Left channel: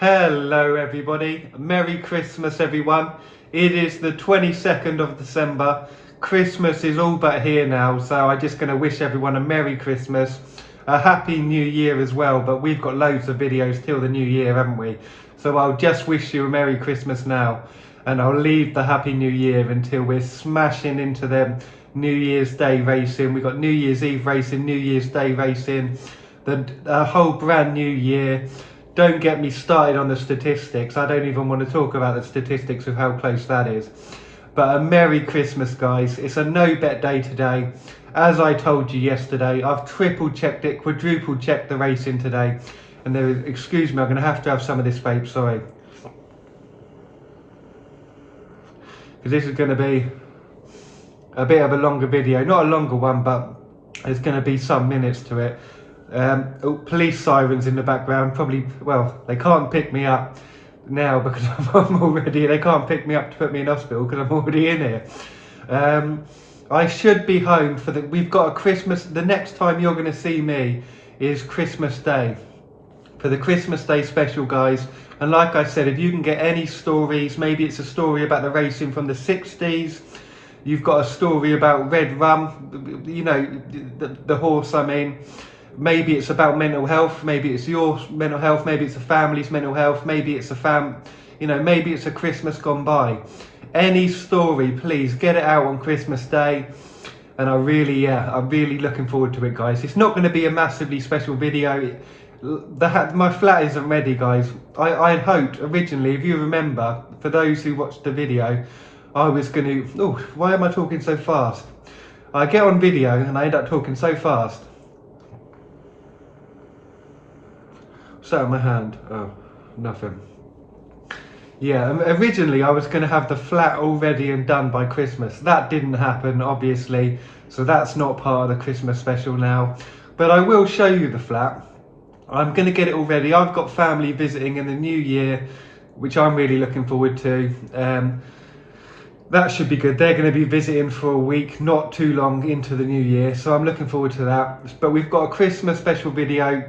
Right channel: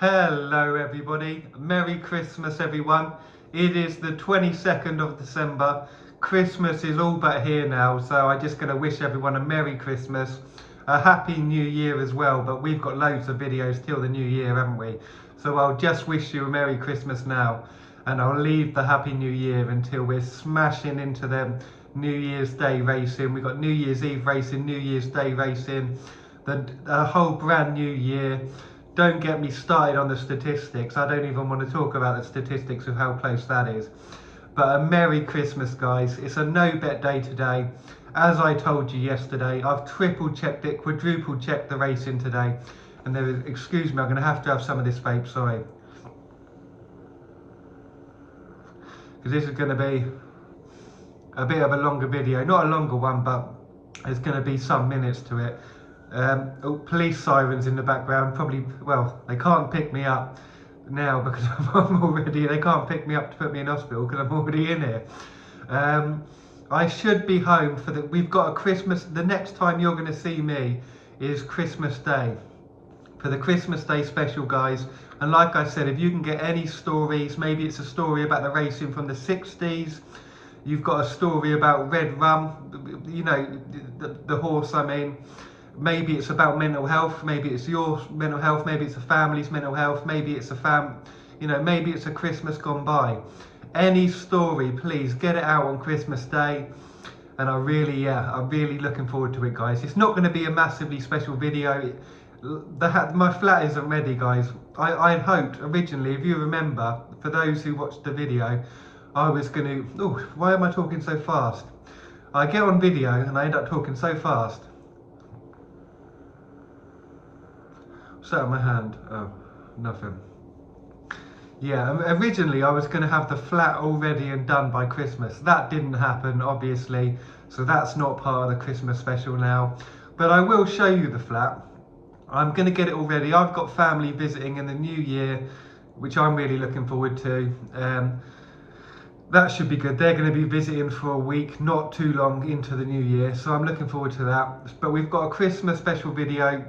Hello everybody, Merry Christmas everyone. It is the 22nd of December. Christmas is all but here now, so I'm just going to wish everyone a Merry Christmas, a Happy New Year as well, but we've got loads of videos till the New Year, haven't we? So I'll just wish you a Merry Christmas now, and I'll leave the Happy New Year until we're smashing into them New Year's Day racing. We've got New Year's Eve racing, New Year's Day racing, the whole brand new year. Don't get me started on the statistics. I don't even want to talk about the statistics of how close that is. But a Merry Christmas, guys. It's a no bet day today. As I told you yesterday, I've triple checked it, quadruple checked the racing today. And there is, excuse me, I'm going to have some of this vape, sorry. Because this is going to be a bit of a longer video. Not a longer one, but there's going to be some minutes to it. Police sirens in the background, probably, well, they can't pick me up now because I'm already, they can't pick me up to put me in hospital because I'm already in here. I should be home for we've got a Christmas, the next time you're going to see me is Christmas Day, for the Christmas Day special, guys. And like I said, if you can get any stories, maybe it's a story about the racing from the 60s, you've got a story about Red Rum, you know, the horse, I mean. Maybe it's about mental health, maybe it's your mental health, maybe it's a family's mental health, maybe it's maybe it's a Christmas gone by. Any story, please get it out on Christmas Day. And I'm really looking forward to it, guys. It's not going to be a massively special video. My flat isn't ready, guys. I had hoped originally, if you remember, for those who watched the video, I was going to, oh, why am I talking so fast? I get on video and I end up talking so fast. Sat on my hand. Oh, nothing. Yeah, originally I was going to have the flat all ready and done by Christmas. That didn't happen, obviously, so that's not part of the Christmas special now. But I will show you the flat. I'm going to get it all ready. I've got family visiting in the new year, which I'm really looking forward to. That should be good. They're going to be visiting for a week, not too long into the new year, so I'm looking forward to that. But we've got a Christmas special video.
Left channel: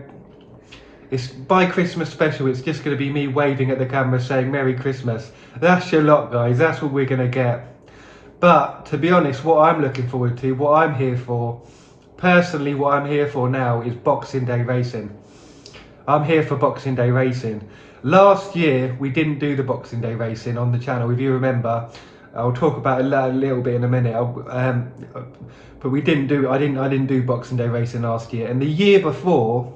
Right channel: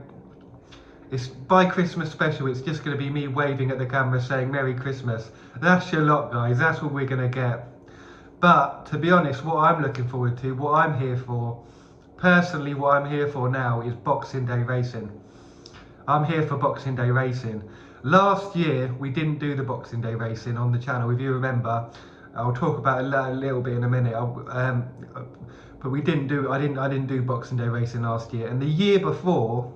It's by Christmas special, it's just going to be me waving at the camera saying Merry Christmas. That's your lot, guys. That's what we're going to get. But to be honest, what I'm looking forward to, what I'm here for, personally what I'm here for now is Boxing Day racing. I'm here for Boxing Day racing. Last year, we didn't do the Boxing Day racing on the channel, if you remember. I'll talk about it a little bit in a minute. But we didn't do, I didn't do Boxing Day racing last year. And the year before,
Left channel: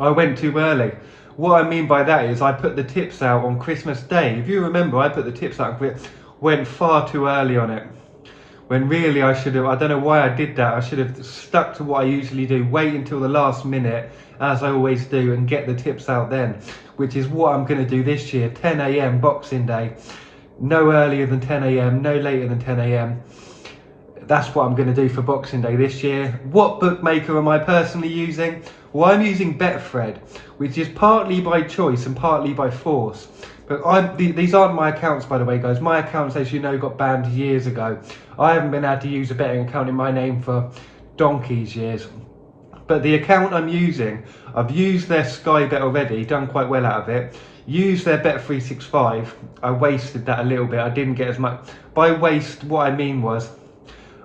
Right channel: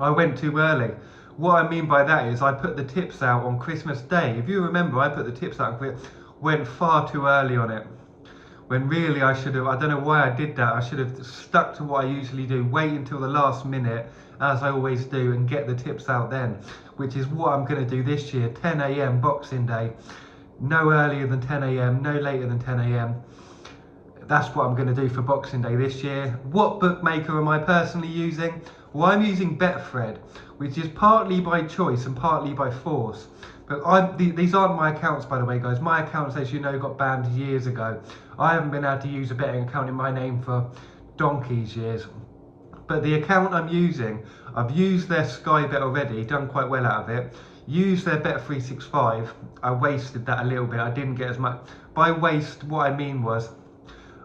I went too early. What I mean by that is I put the tips out on Christmas Day. If you remember, I put the tips out and went far too early on it. When really I should have, I don't know why I did that. I should have stuck to what I usually do. Wait until the last minute, as I always do, and get the tips out then. Which is what I'm going to do this year, 10 AM Boxing Day. No earlier than 10 AM, no later than 10 AM. That's what I'm going to do for Boxing Day this year. What bookmaker am I personally using? Well, I'm using Betfred, which is partly by choice and partly by force. But these aren't my accounts, by the way, guys. My accounts, as you know, got banned years ago. I haven't been able to use a betting account in my name for donkey's years. But the account I'm using, I've used their Sky Bet already, done quite well out of it. Used their Bet365. I wasted that a little bit. I didn't get as much. By waste, what I mean was,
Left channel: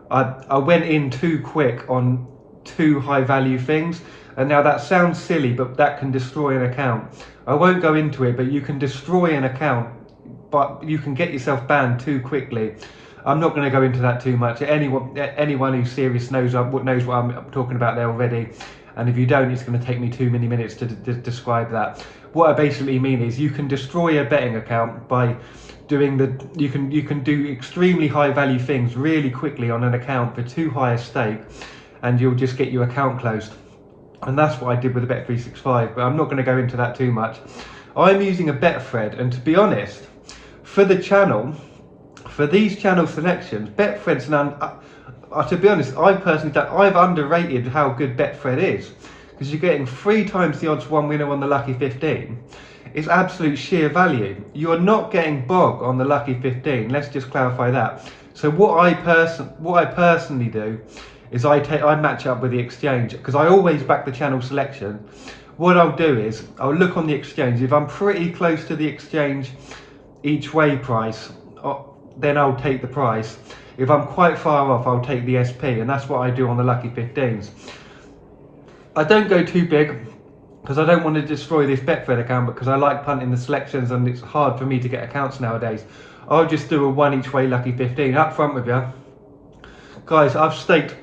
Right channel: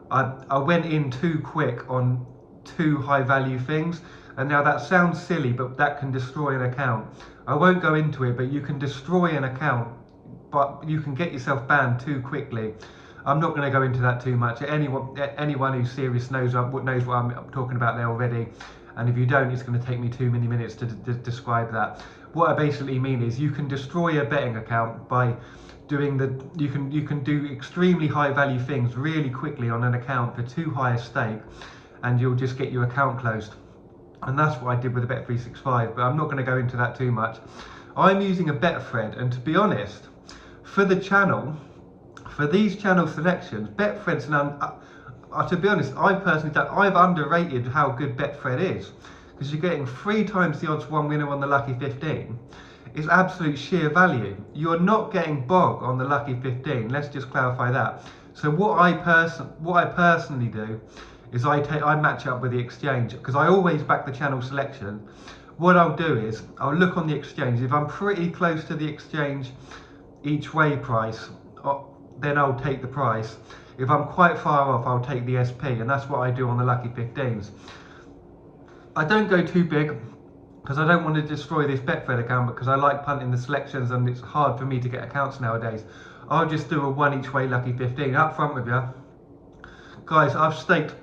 I went in too quick on too high value things. And now that sounds silly, but that can destroy an account. I won't go into it, but you can destroy an account, but you can get yourself banned too quickly. I'm not going to go into that too much. Anyone who's serious knows what I'm talking about there already. And if you don't, it's going to take me too many minutes to describe that. What I basically mean is you can destroy a betting account by doing you can do extremely high value things really quickly on an account for too high a stake, and you'll just get your account closed. And that's what I did with the Bet365, but I'm not going to go into that too much. I'm using a Betfred, and to be honest, for the channel, for these channel selections, Betfred's to be honest, I've underrated how good Betfred is, because you're getting 3 times the odds one winner on the Lucky 15. It's absolute sheer value. You're not getting bog on the Lucky 15. Let's just clarify that. So what I personally do is I match up with the exchange, because I always back the channel selection. what I'll do is I'll look on the exchange. If I'm pretty close to the exchange each way price, then I'll take the price. If I'm quite far off, I'll take the SP, and that's what I do on the Lucky 15s. I don't go too big because I don't want to destroy this Betfred account, because I like punting the selections and it's hard for me to get accounts nowadays. I'll just do a 1 each way Lucky 15 up front with you. Guys, I've staked,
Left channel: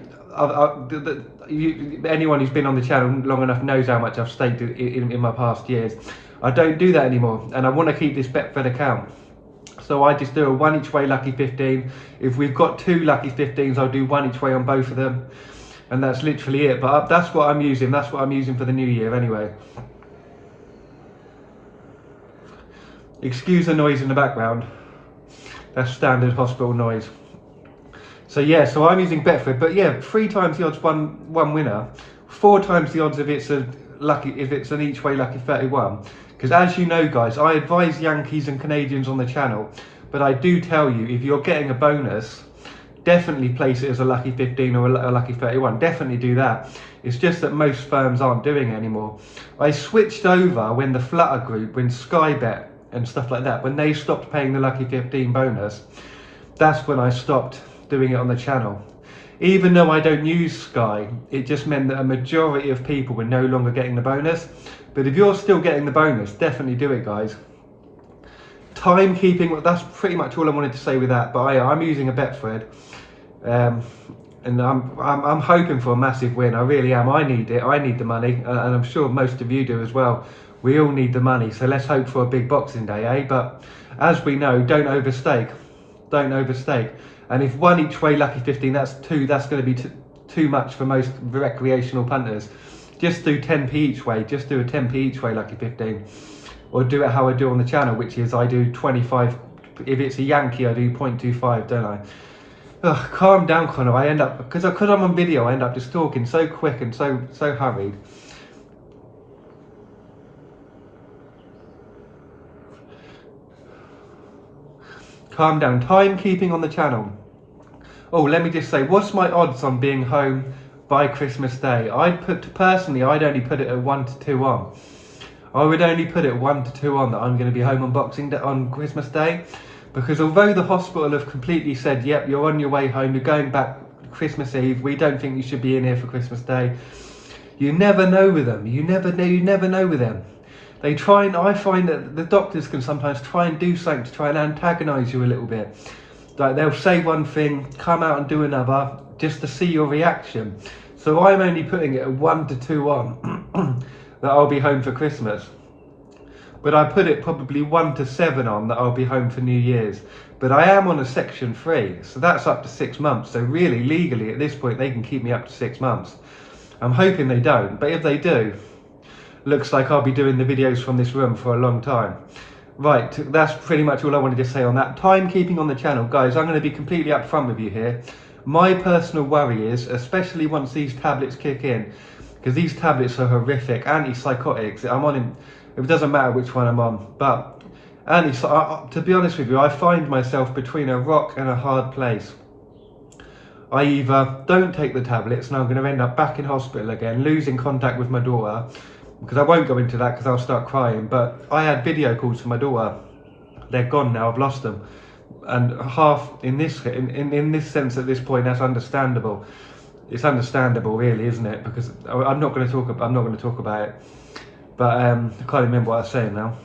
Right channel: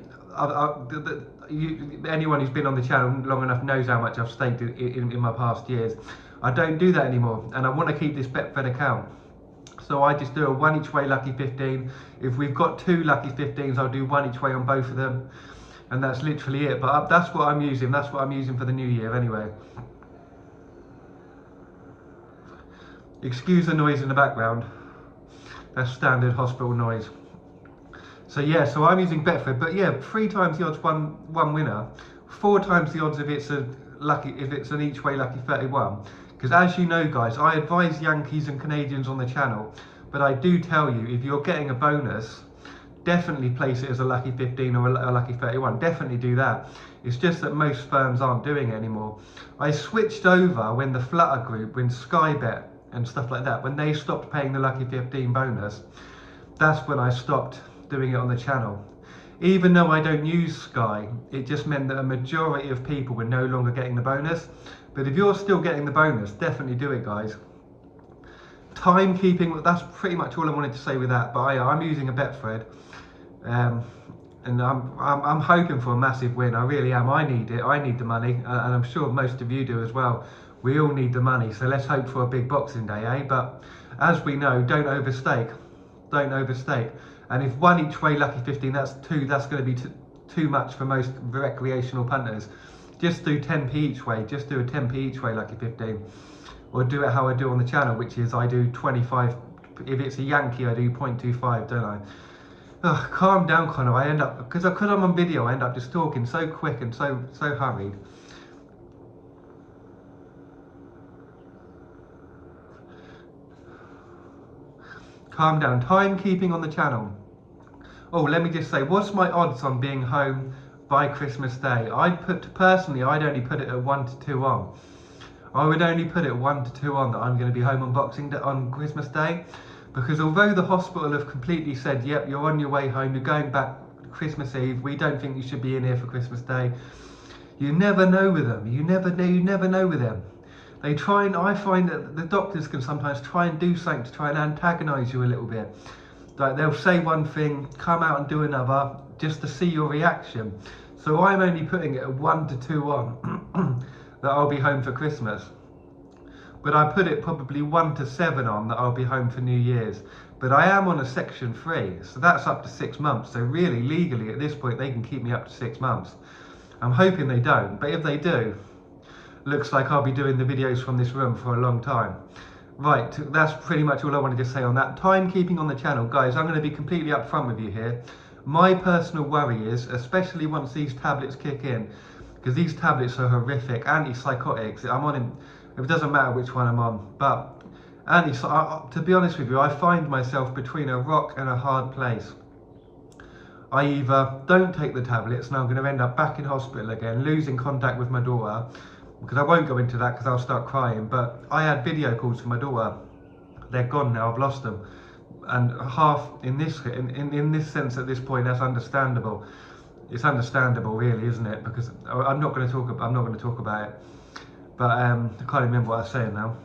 anyone who's been on the channel long enough knows how much I've staked in my past years. I don't do that anymore, and I want to keep this Betfred account. So I just do a 1 each way Lucky 15. If we've got 2 Lucky 15s, I'll do 1 each way on both of them. And that's literally it. But that's what I'm using. That's what I'm using for the new year anyway. Excuse the noise in the background. That's standard hospital noise. So yeah, so I'm using Betfred. But yeah, 3 times the odds one winner. 4 times the odds if it's an each way Lucky 31. Because as you know, guys, I advise Yankees and Canadians on the channel, but I do tell you, if you're getting a bonus, definitely place it as a Lucky 15 or a Lucky 31. Definitely do that. It's just that most firms aren't doing it anymore. I switched over when the Flutter Group, when Sky Bet and stuff like that, when they stopped paying the Lucky 15 bonus, that's when I stopped doing it on the channel. Even though I don't use Sky, it just meant that a majority of people were no longer getting the bonus. But if you're still getting the bonus, definitely do it, guys. Timekeeping, that's pretty much all I wanted to say with that. But I'm using a Betfred, and I'm hoping for a massive win. I really am. I need it. I need the money, and I'm sure most of you do as well. We all need the money, so let's hope for a big Boxing Day, eh? But as we know, don't overstake. Don't overstake. And if 1 each way Lucky 15, that's going to be too much for most recreational punters. Just do 10p each way. Just do a 10p each way Lucky 15. Or do it how I do on the channel, which is I do 25. If it's a Yankee, I do 0.25, don't I? Ugh, calm down, Connor. I end up, because I'm on video, I end up just talking so quick and so hurried. Calm down. Timekeeping on the channel. Oh, let me just say, what's my odds on being home by Christmas Day? Personally, I'd only put it at 1 to 2 on. I would only put it 1 to 2 on that I'm going to be home on Boxing Day, on Christmas Day, because although the hospital have completely said, yep, you're on your way home, you're going back Christmas Eve, we don't think you should be in here for Christmas Day. You never know with them. You never know with them. They try, and I find that the doctors can sometimes try and do something to try and antagonise you a little bit. Like they'll say one thing, come out and do another, just to see your reaction. So I'm only putting it at 1 to 2 on that I'll be home for Christmas. But I put it probably 1 to 7 on that I'll be home for New Year's. But I am on a Section 3, so that's up to 6 months. So really, legally, at this point, they can keep me up to 6 months. I'm hoping they don't, but if they do, looks like I'll be doing the videos from this room for a long time. Right, that's pretty much all I wanted to say on that. Timekeeping on the channel. Guys, I'm going to be completely upfront with you here. My personal worry is, especially once these tablets kick in, because these tablets are horrific, antipsychotics. I'm on him, it doesn't matter which one I'm on, but to be honest with you, I find myself between a rock and a hard place. I either don't take the tablets and I'm going to end up back in hospital again, losing contact with my daughter, because I won't go into that because I'll start crying, but I had video calls for my daughter. They're gone now, I've lost them. And half, in this sense at this point, that's understandable. It's understandable really, isn't it? Because I'm not going to talk about it. But I can't remember what I was saying now.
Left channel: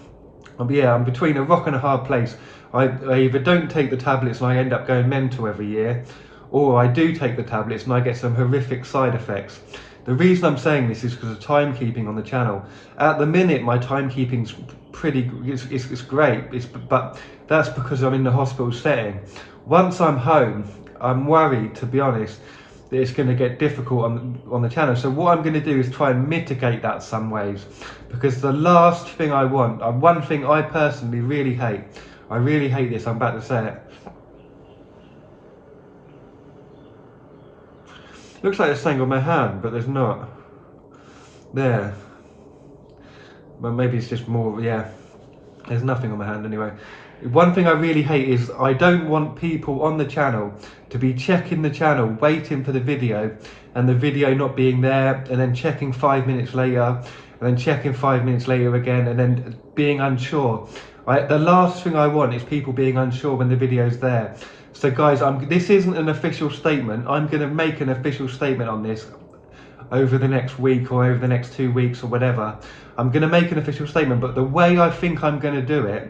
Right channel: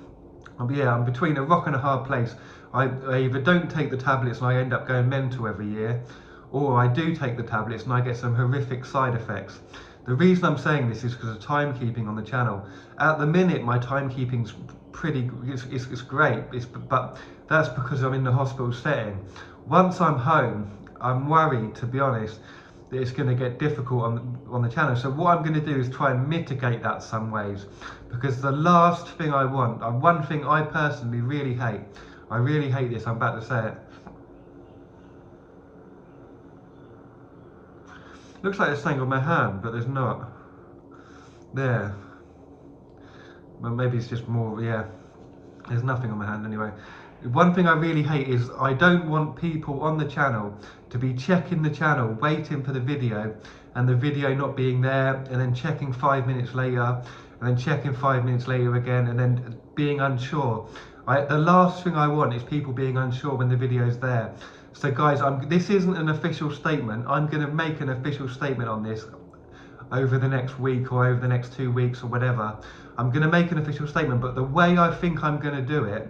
But yeah, I'm between a rock and a hard place. I either don't take the tablets and I end up going mental every year, or I do take the tablets and I get some horrific side effects. The reason I'm saying this is because of timekeeping on the channel. At the minute, my timekeeping's it's great, but that's because I'm in the hospital setting. Once I'm home, I'm worried, to be honest, that it's going to get difficult on the channel. So what I'm going to do is try and mitigate that some ways, because the last thing I want, one thing I personally really hate, I really hate this, I'm about to say it. Looks like there's something on my hand, but there's not. There. But maybe it's just more, yeah. There's nothing on my hand anyway. One thing I really hate is I don't want people on the channel to be checking the channel, waiting for the video, and the video not being there, and then checking 5 minutes later, and then checking 5 minutes later again, and then being unsure. The last thing I want is people being unsure when the video's there. So guys, this isn't an official statement. I'm going to make an official statement on this over the next week or over the next 2 weeks or whatever. I'm going to make an official statement, but the way I think I'm going to do it,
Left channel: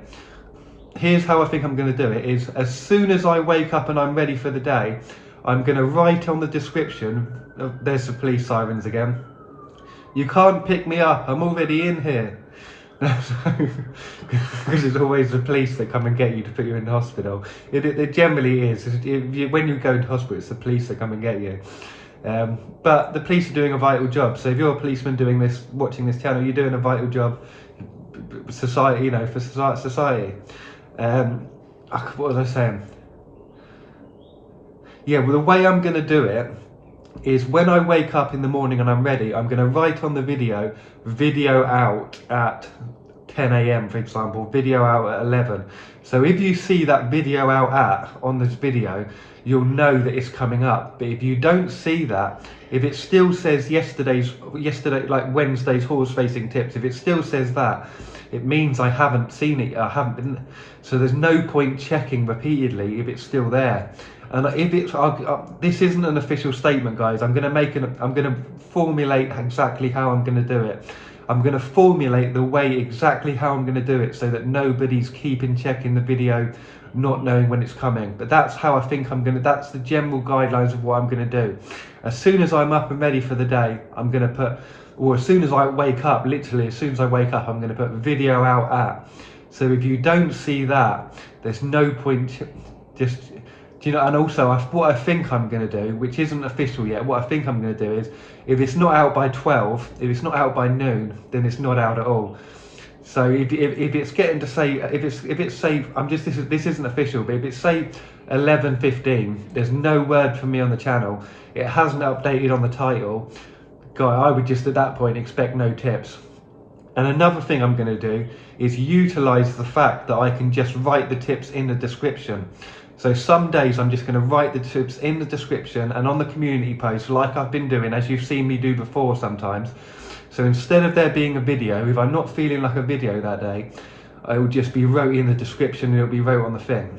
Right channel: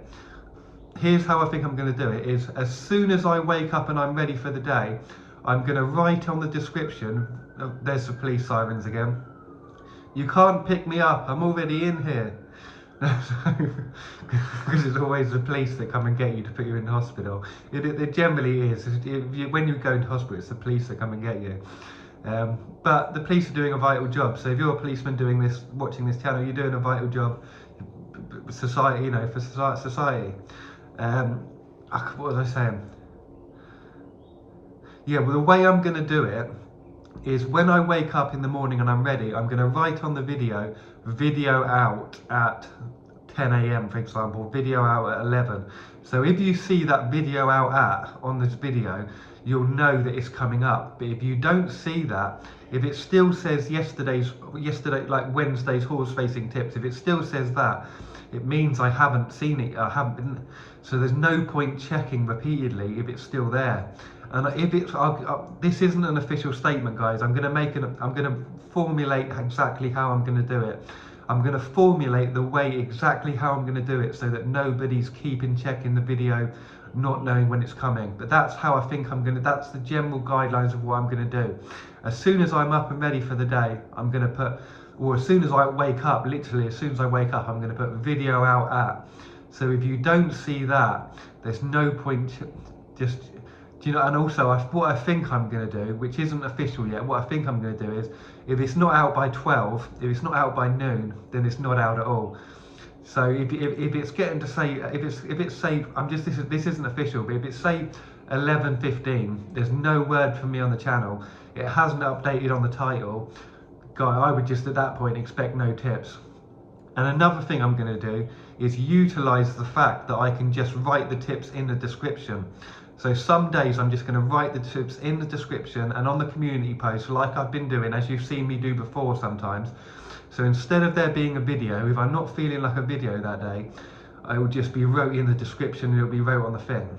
here's how I think I'm going to do it, is as soon as I wake up and I'm ready for the day, I'm going to write on the description, there's the police sirens again, "You can't pick me up, I'm already in here." Because it's always the police that come and get you to put you in the hospital. It generally is. When you go into hospital, it's the police that come and get you. But the police are doing a vital job. So if you're a policeman doing this, watching this channel, you're doing a vital job. Society, you know, for society. What was I saying? Yeah, well, the way I'm going to do it is when I wake up in the morning and I'm ready, I'm going to write on the video out at 10 AM, for example, video out at 11. So if you see that video out on this video, you'll know that it's coming up. But if you don't see that, if it still says yesterday, like Wednesday's horse racing tips, if it still says that, it means I haven't seen it. I haven't been. So there's no point checking repeatedly if it's still there. And if it's, this isn't an official statement, guys. I'm going to formulate exactly how I'm going to do it. I'm going to formulate the way exactly how I'm going to do it so that nobody's keeping checking the video, not knowing when it's coming. But that's how I think that's the general guidelines of what I'm going to do. As soon as I'm up and ready for the day, I'm going to put, or as soon as I wake up, literally as soon as I wake up, I'm going to put video out at. So if you don't see that, there's no point just, you know. And also what I think I'm going to do, which isn't official yet, what I think I'm going to do is, if it's not out by 12, if it's not out by noon, then it's not out at all. So if it's getting to say, if it's say, this isn't official, but if it's say 11:15, there's no word from me on the channel, it hasn't updated on the title, guy, I would just at that point expect no tips. And another thing I'm going to do is utilize the fact that I can just write the tips in the description. So some days I'm just going to write the tips in the description and on the community post, like I've been doing, as you've seen me do before sometimes. So instead of there being a video, if I'm not feeling like a video that day, I will just be wrote in the description and it'll be wrote on the thing.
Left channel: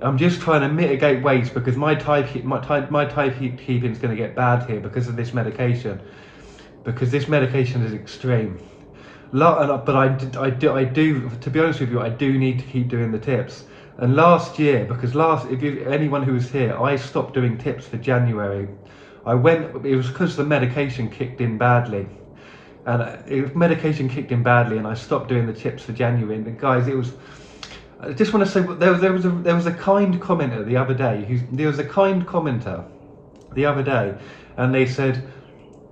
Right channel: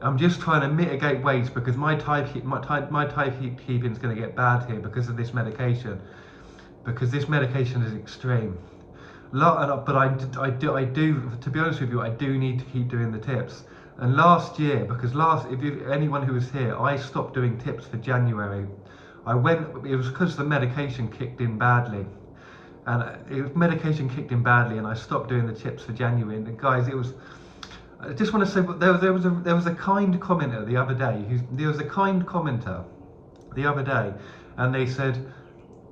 I'm just trying to mitigate waste because my typekeeping is going to get bad here because of this medication. Because this medication is extreme. But I do, to be honest with you, I do need to keep doing the tips. And last year, because anyone who was here, I stopped doing tips for January. It was because the medication kicked in badly. And medication kicked in badly and I stopped doing the tips for January. And guys, I just want to say, there was a kind commenter the other day, and they said,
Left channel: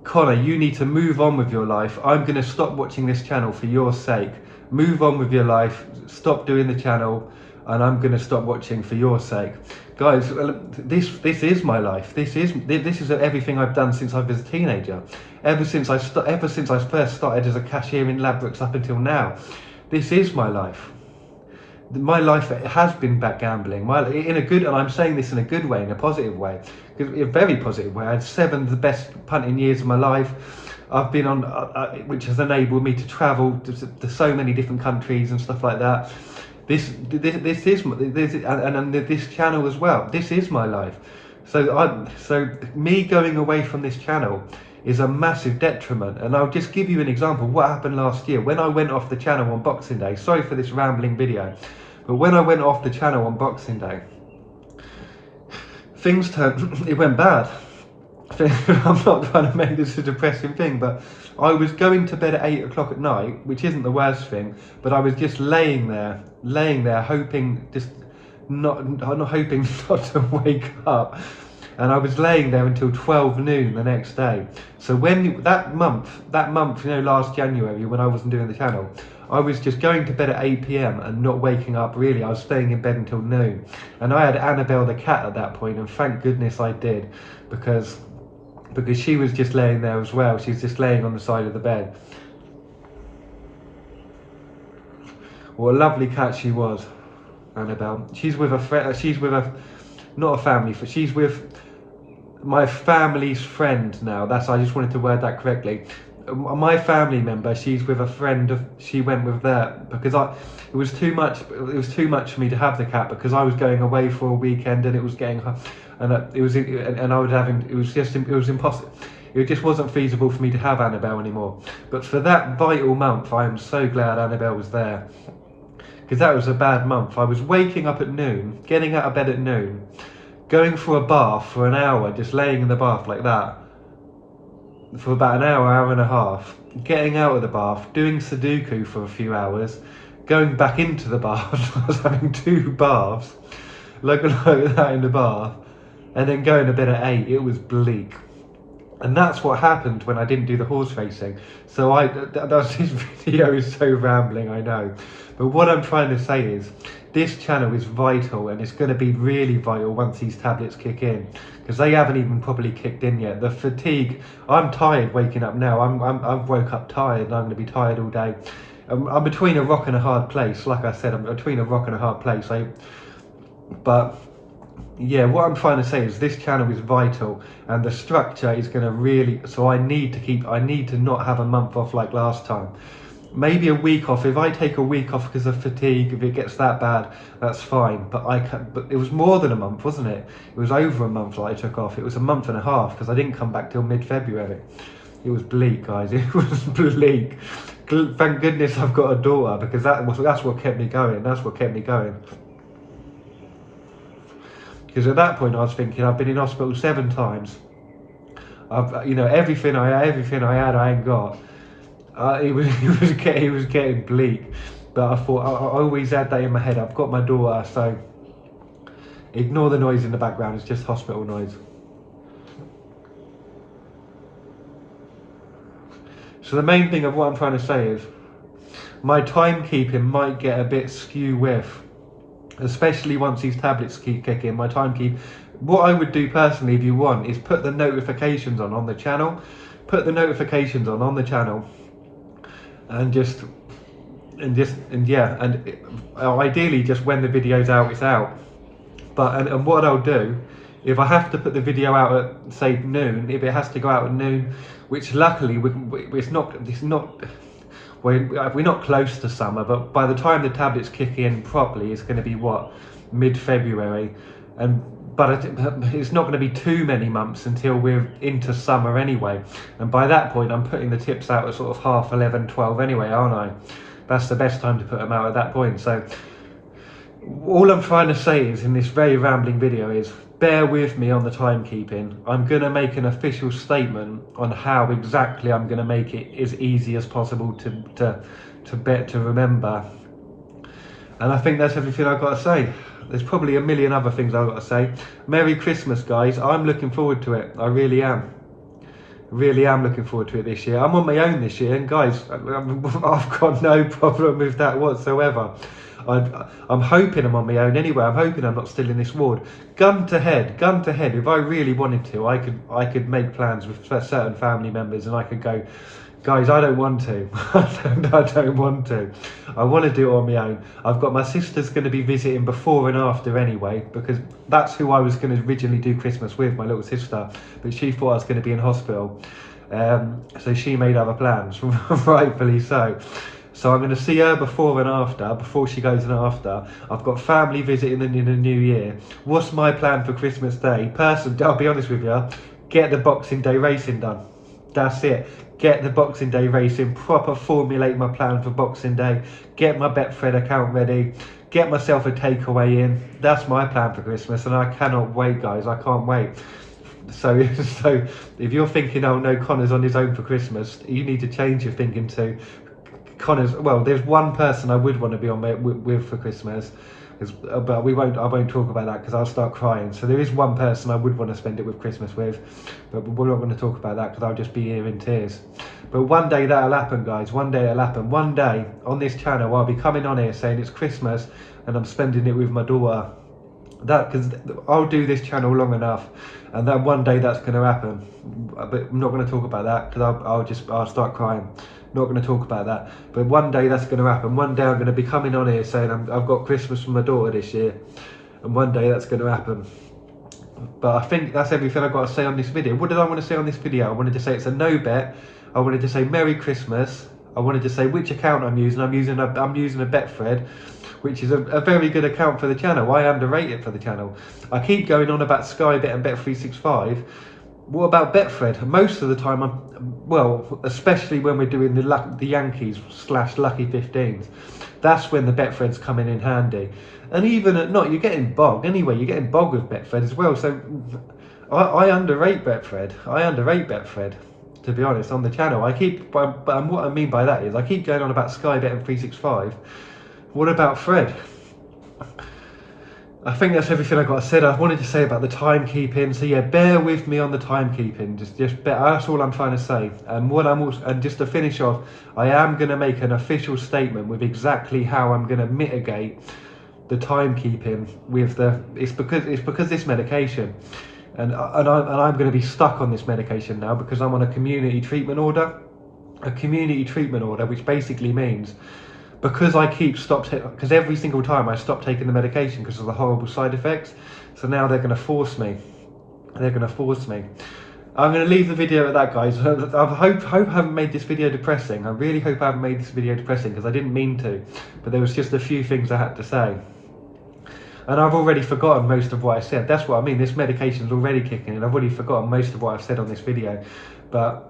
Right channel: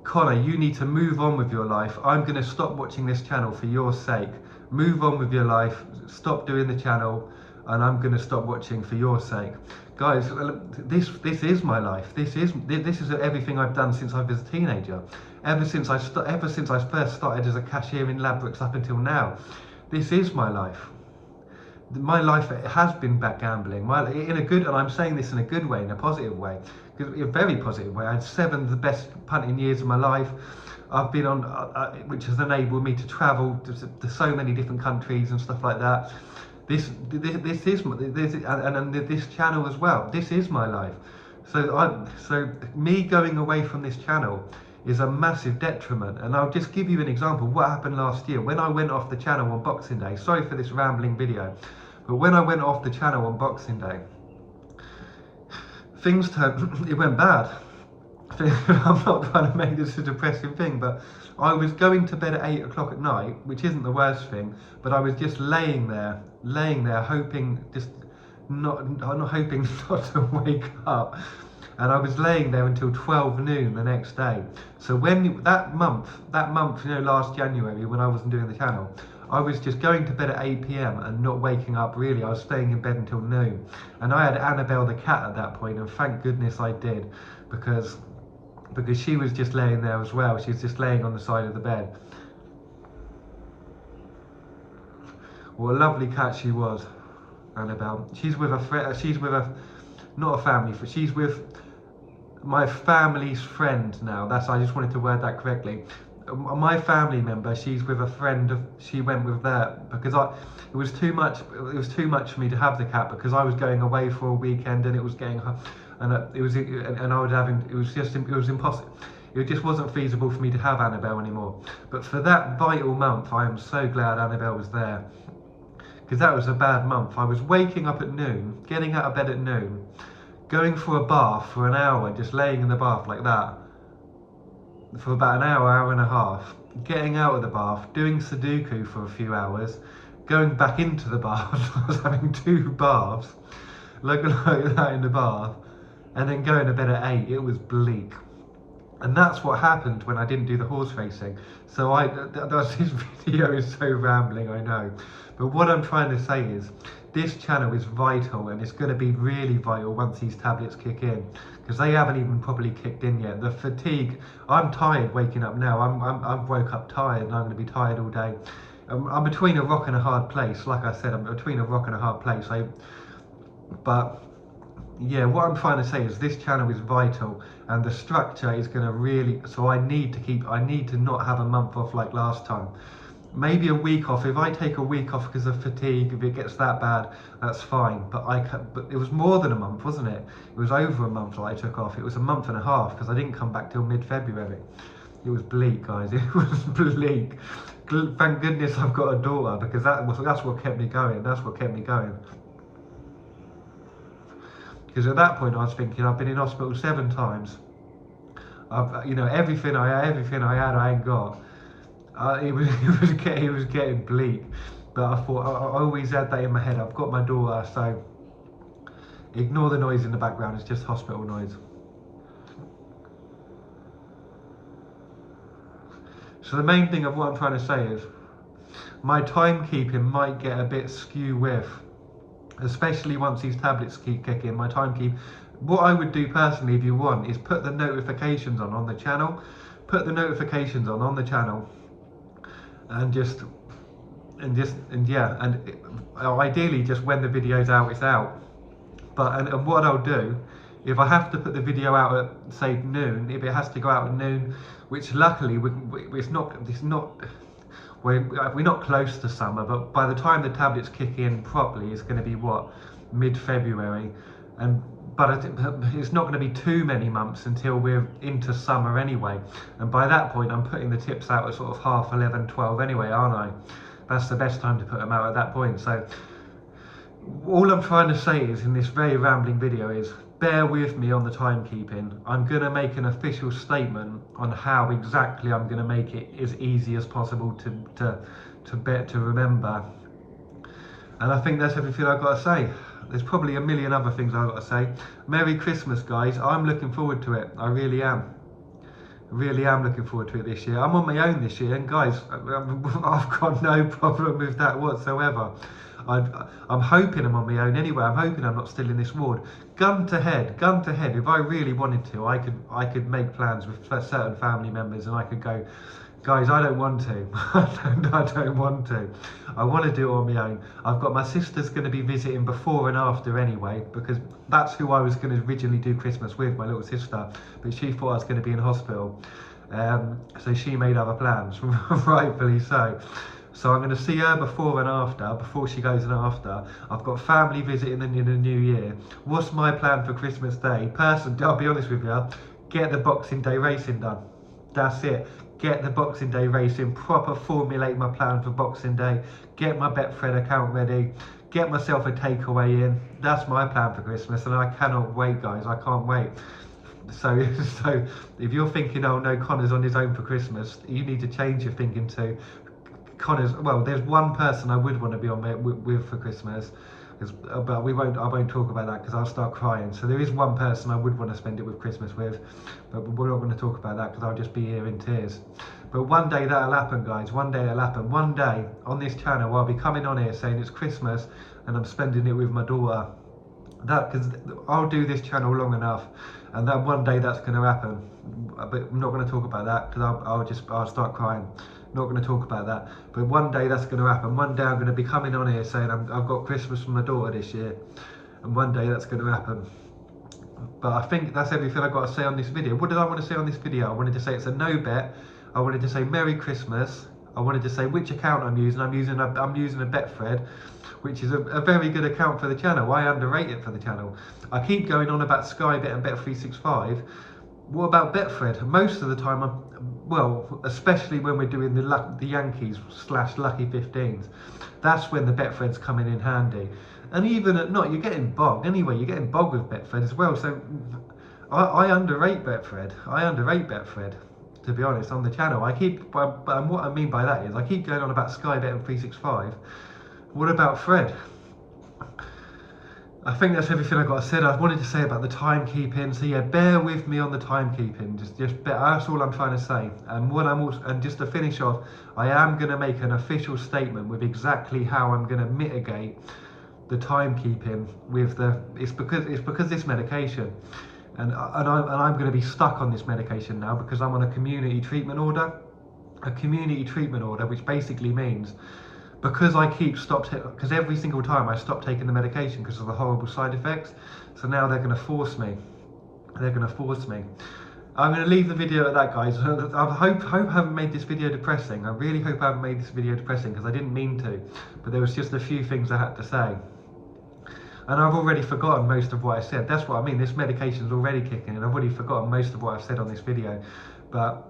"Connor, you need to move on with your life. I'm going to stop watching this channel for your sake. Move on with your life, stop doing the channel, and I'm going to stop watching for your sake." Guys, this is my life. This is everything I've done since I was a teenager. Ever since I first started as a cashier in Ladbrokes up until now. This is my life. My life has been back gambling. And I'm saying this in a good way, in a positive way, a very positive way. I had 7 of the best punting years of my life. I've been on, which has enabled me to travel to so many different countries and stuff like that. This channel as well. This is my life. So me going away from this channel is a massive detriment. And I'll just give you an example. What happened last year when I went off the channel on Boxing Day. Sorry for this rambling video, but when I went off the channel on Boxing Day, it went bad. I'm not trying to make this a depressing thing, but I was going to bed at 8 o'clock at night, which isn't the worst thing, but I was just laying there hoping, not to wake up. And I was laying there until 12 noon the next day. So when that month, you know, last January, when I wasn't doing the channel, I was just going to bed at 8 PM and not waking up really. I was staying in bed until noon. And I had Annabelle the cat at that point, and thank goodness I did, because she was just laying there as well. She's just laying on the side of the bed. What a lovely cat she was, Annabelle. She's with my family's friend now. I just wanted to word that correctly. my family member, she's with a friend of, she went with that because it was too much for me to have the cat because I was going away for a weekend and it was getting, and I was having, it was impossible. It just wasn't feasible for me to have Annabelle anymore. But for that vital month, I am so glad Annabelle was there, because that was a bad month. I was waking up at noon, getting out of bed at noon, going for a bath for an hour, just laying in the bath like that for about an hour, hour and a half, getting out of the bath, doing Sudoku for a few hours, going back into the bath. I was having 2 baths, like that in the bath, and then going to bed at 8. It was bleak. And that's what happened when I didn't do the horse racing. So this video is so rambling, I know. But what I'm trying to say is, this channel is vital, and it's going to be really vital once these tablets kick in, because they haven't even properly kicked in yet. The fatigue, I'm tired waking up now. I've woke up tired, and I'm going to be tired all day. I'm between a rock and a hard place. Like I said, I'm between a rock and a hard place. But yeah, what I'm trying to say is this channel is vital, and the structure is going to really, so I need to not have a month off like last time. Maybe a week off. If I take a week off because of fatigue, if it gets that bad, that's fine. But but it was more than a month, wasn't it? It was over a month that I took off. It was a month and a half because I didn't come back till mid-February. It was bleak, guys. It was bleak. Thank goodness I've got a daughter, because that's what kept me going. That's what kept me going. Because at that point I was thinking, I've been in hospital 7 times. Everything I had, I ain't got. It was getting bleak, but I thought I always had that in my head. I've got my daughter, so ignore the noise in the background. It's just hospital noise. So the main thing of what I'm trying to say is, my timekeeping might get a bit skew-with, especially once these tablets keep kicking. My timekeep. What I would do personally, if you want, is put the notifications on the channel. Put the notifications on the channel. And ideally just when the video's out, it's out. And what I'll do, if I have to put the video out at say noon, if it has to go out at noon, which luckily we're not close to summer, but by the time the tablets kick in properly, it's going to be what, mid-February, but it's not going to be too many months until we're into summer anyway. And by that point, I'm putting the tips out at sort of 11:30, 12 anyway, aren't I? That's the best time to put them out at that point. So all I'm trying to say is, in this very rambling video, is bear with me on the timekeeping. I'm going to make an official statement on how exactly I'm going to make it as easy as possible to remember. And I think that's everything I've got to say. There's probably a million other things I've got to say. Merry Christmas, guys. I'm looking forward to it. I really am. Really am looking forward to it this year. I'm on my own this year, and guys, I've got no problem with that whatsoever. I'm hoping I'm on my own anyway. I'm hoping I'm not still in this ward. Gun to head. If I really wanted to, I could make plans with certain family members, and I could go, guys, I don't want to. I don't want to. I want to do it on my own. I've got my sister's going to be visiting before and after anyway, because that's who I was going to originally do Christmas with, my little sister. But she thought I was going to be in hospital. So she made other plans, rightfully so. So I'm going to see her before and after, before she goes and after. I've got family visiting in the new year. What's my plan for Christmas Day? I'll be honest with you, get the Boxing Day racing done. That's it. Get the Boxing Day racing, proper formulate my plan for Boxing Day, get my Betfred account ready, get myself a takeaway in. That's my plan for Christmas, and I cannot wait, guys. I can't wait. So if you're thinking, oh no, Connor's on his own for Christmas, you need to change your thinking to Connor's. Well, there's one person I would want to be on with for Christmas, but I won't talk about that because I'll start crying. So there is one person I would want to spend it with Christmas with, but we're not going to talk about that because I'll just be here in tears. But one day that'll happen, guys. One day it'll happen. One day on this channel I'll be coming on here saying it's Christmas and I'm spending it with my daughter. Because I'll do this channel long enough, and then one day that's going to happen. But I'm not going to talk about that because I'll start crying. Not going to talk about that, but one day that's going to happen. One day I'm going to be coming on here saying I've got Christmas for my daughter this year, and one day that's going to happen. But I think that's everything I've got to say on this video. What did I want to say on this video? I wanted to say it's a no bet. I wanted to say Merry Christmas. I wanted to say which account I'm using. I'm using a Betfred, which is a very good account for the channel. I underrate it for the channel. I keep going on about Skybet and Bet365. What about Betfred? Most of the time, especially when we're doing the Yankees / Lucky 15s, that's when the Betfred's coming in handy. And even at not, you're getting bogged anyway. You're getting bogged with Betfred as well. So I underrate Betfred. To be honest, on the channel. And what I mean by that is I keep going on about Skybet and 365. What about Fred? I think that's everything I got said. I wanted to say about the timekeeping. So yeah, bear with me on the timekeeping. Just that's all I'm trying to say. And just to finish off, I am going to make an official statement with exactly how I'm going to mitigate the timekeeping with it's because this medication. And I'm going to be stuck on this medication now because I'm on a community treatment order. A community treatment order, which basically means because because every single time I stop taking the medication because of the horrible side effects. So now they're going to force me. I'm going to leave the video at that, guys. I hope I haven't made this video depressing. I really hope I haven't made this video depressing because I didn't mean to. But there was just a few things I had to say. And I've already forgotten most of what I said. That's what I mean. This medication's already kicking in. I've already forgotten most of what I've said on this video. But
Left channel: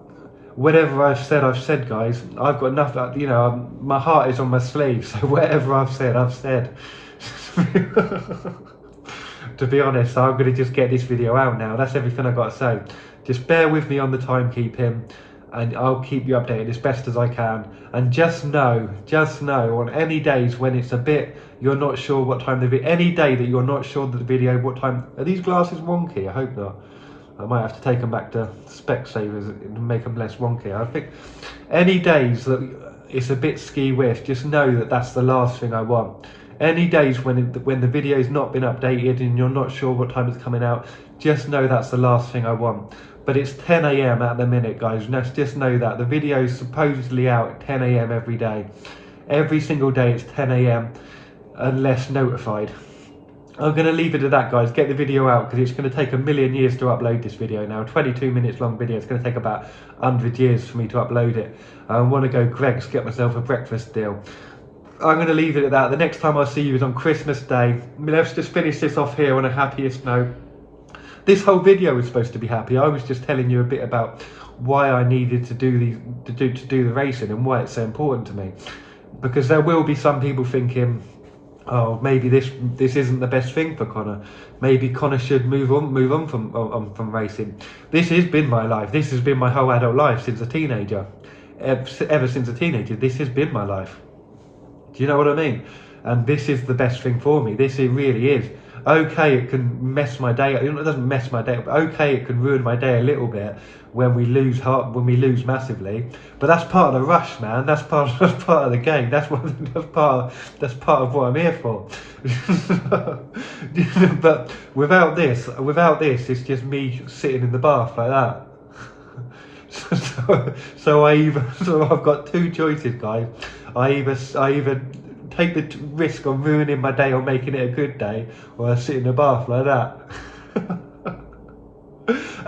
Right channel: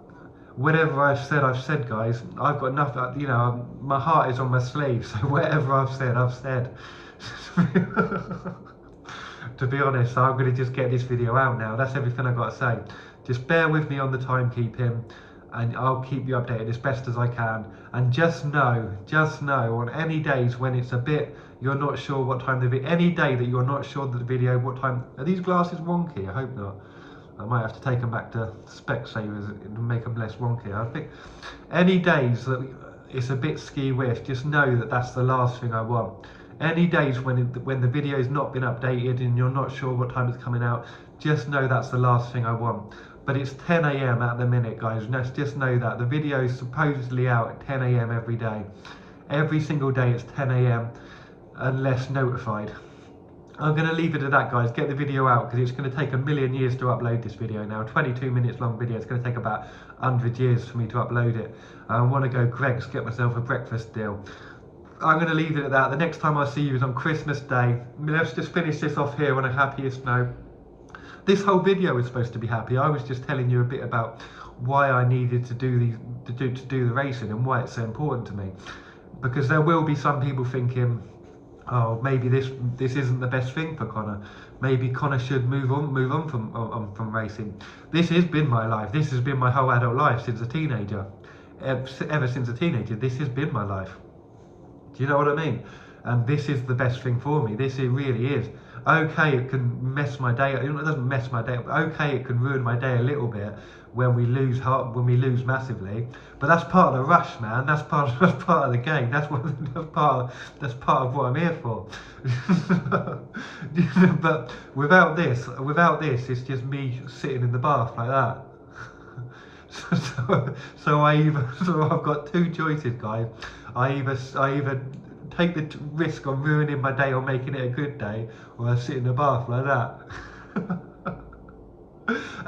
whatever I've said, guys. I've got nothing, you know, my heart is on my sleeve. So whatever I've said, I've said. To be honest, I'm going to just get this video out now. That's everything I've got to say. Just bear with me on the timekeeping. And I'll keep you updated as best as I can. And just know on any days when it's a bit, you're not sure what time any day that you're not sure that the video, what time, are these glasses wonky? I hope not. I might have to take them back to Specsavers and make them less wonky. I think any days that it's a bit ski-whiff, just know that that's the last thing I want. Any days when the video's not been updated and you're not sure what time it's coming out, just know that's the last thing I want. But it's 10 AM at the minute, guys. Just know that. The video is supposedly out at 10 AM every day. Every single day it's 10 AM unless notified. I'm going to leave it at that, guys. Get the video out because it's going to take a million years to upload this video now. 22 minutes long video. It's going to take about 100 years for me to upload it. I want to go Greggs, get myself a breakfast deal. I'm going to leave it at that. The next time I see you is on Christmas Day. Let's just finish this off here on a happiest note. This whole video was supposed to be happy. I was just telling you a bit about why I needed to do the racing and why it's so important to me. Because there will be some people thinking, oh, maybe this isn't the best thing for Connor. Maybe Connor should move on from racing. This has been my life. This has been my whole adult life since a teenager. Ever since a teenager, this has been my life. Do you know what I mean? And this is the best thing for me. It really is. Okay, it can mess my day up. It doesn't mess my day up, but okay, it can ruin my day a little bit when we lose massively. But that's part of the rush, man. That's part of the game. That's part of what I'm here for. But without this, it's just me sitting in the bath like that. So I've got two choices, guys. I either take the risk of ruining my day or making it a good day, or I sit in the bath like that.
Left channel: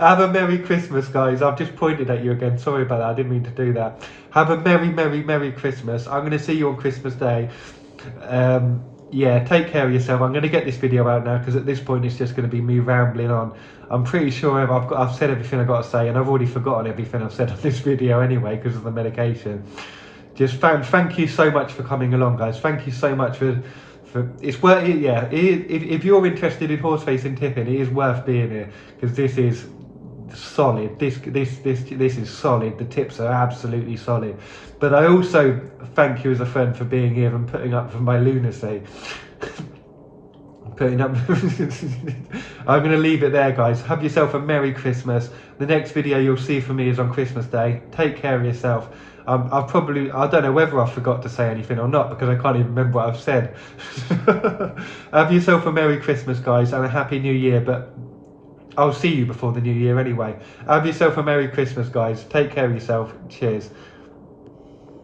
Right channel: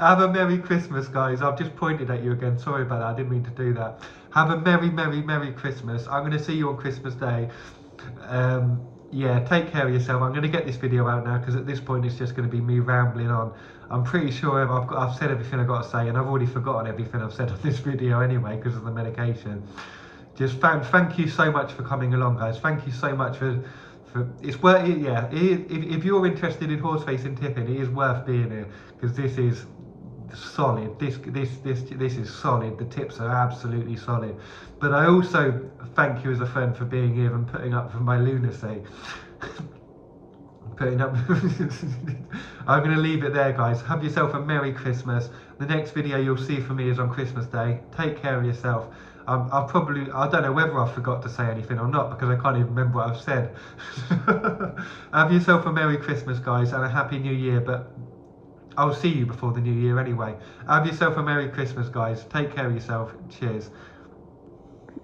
Have a Merry Christmas, guys. I've just pointed at you again. Sorry about that. I didn't mean to do that. Have a Merry Christmas. I'm going to see you on Christmas Day. Yeah, take care of yourself. I'm going to get this video out now because at this point it's just going to be me rambling on. I'm pretty sure I've said everything I've got to say, and I've already forgotten everything I've said on this video anyway because of the medication. Just thank you so much for coming along, guys. Thank you so much for it's worth it. Yeah, if you're interested in horse racing tipping, it is worth being here because this is solid. This is solid. The tips are absolutely solid. But I also thank you as a friend for being here and putting up for my lunacy. I'm going to leave it there, guys. Have yourself a Merry Christmas. The next video you'll see from me is on Christmas Day. Take care of yourself. I don't know whether I forgot to say anything or not because I can't even remember what I've said. Have yourself a Merry Christmas, guys, and a Happy New Year, but I'll see you before the New Year anyway. Have yourself a Merry Christmas, guys. Take care of yourself. Cheers.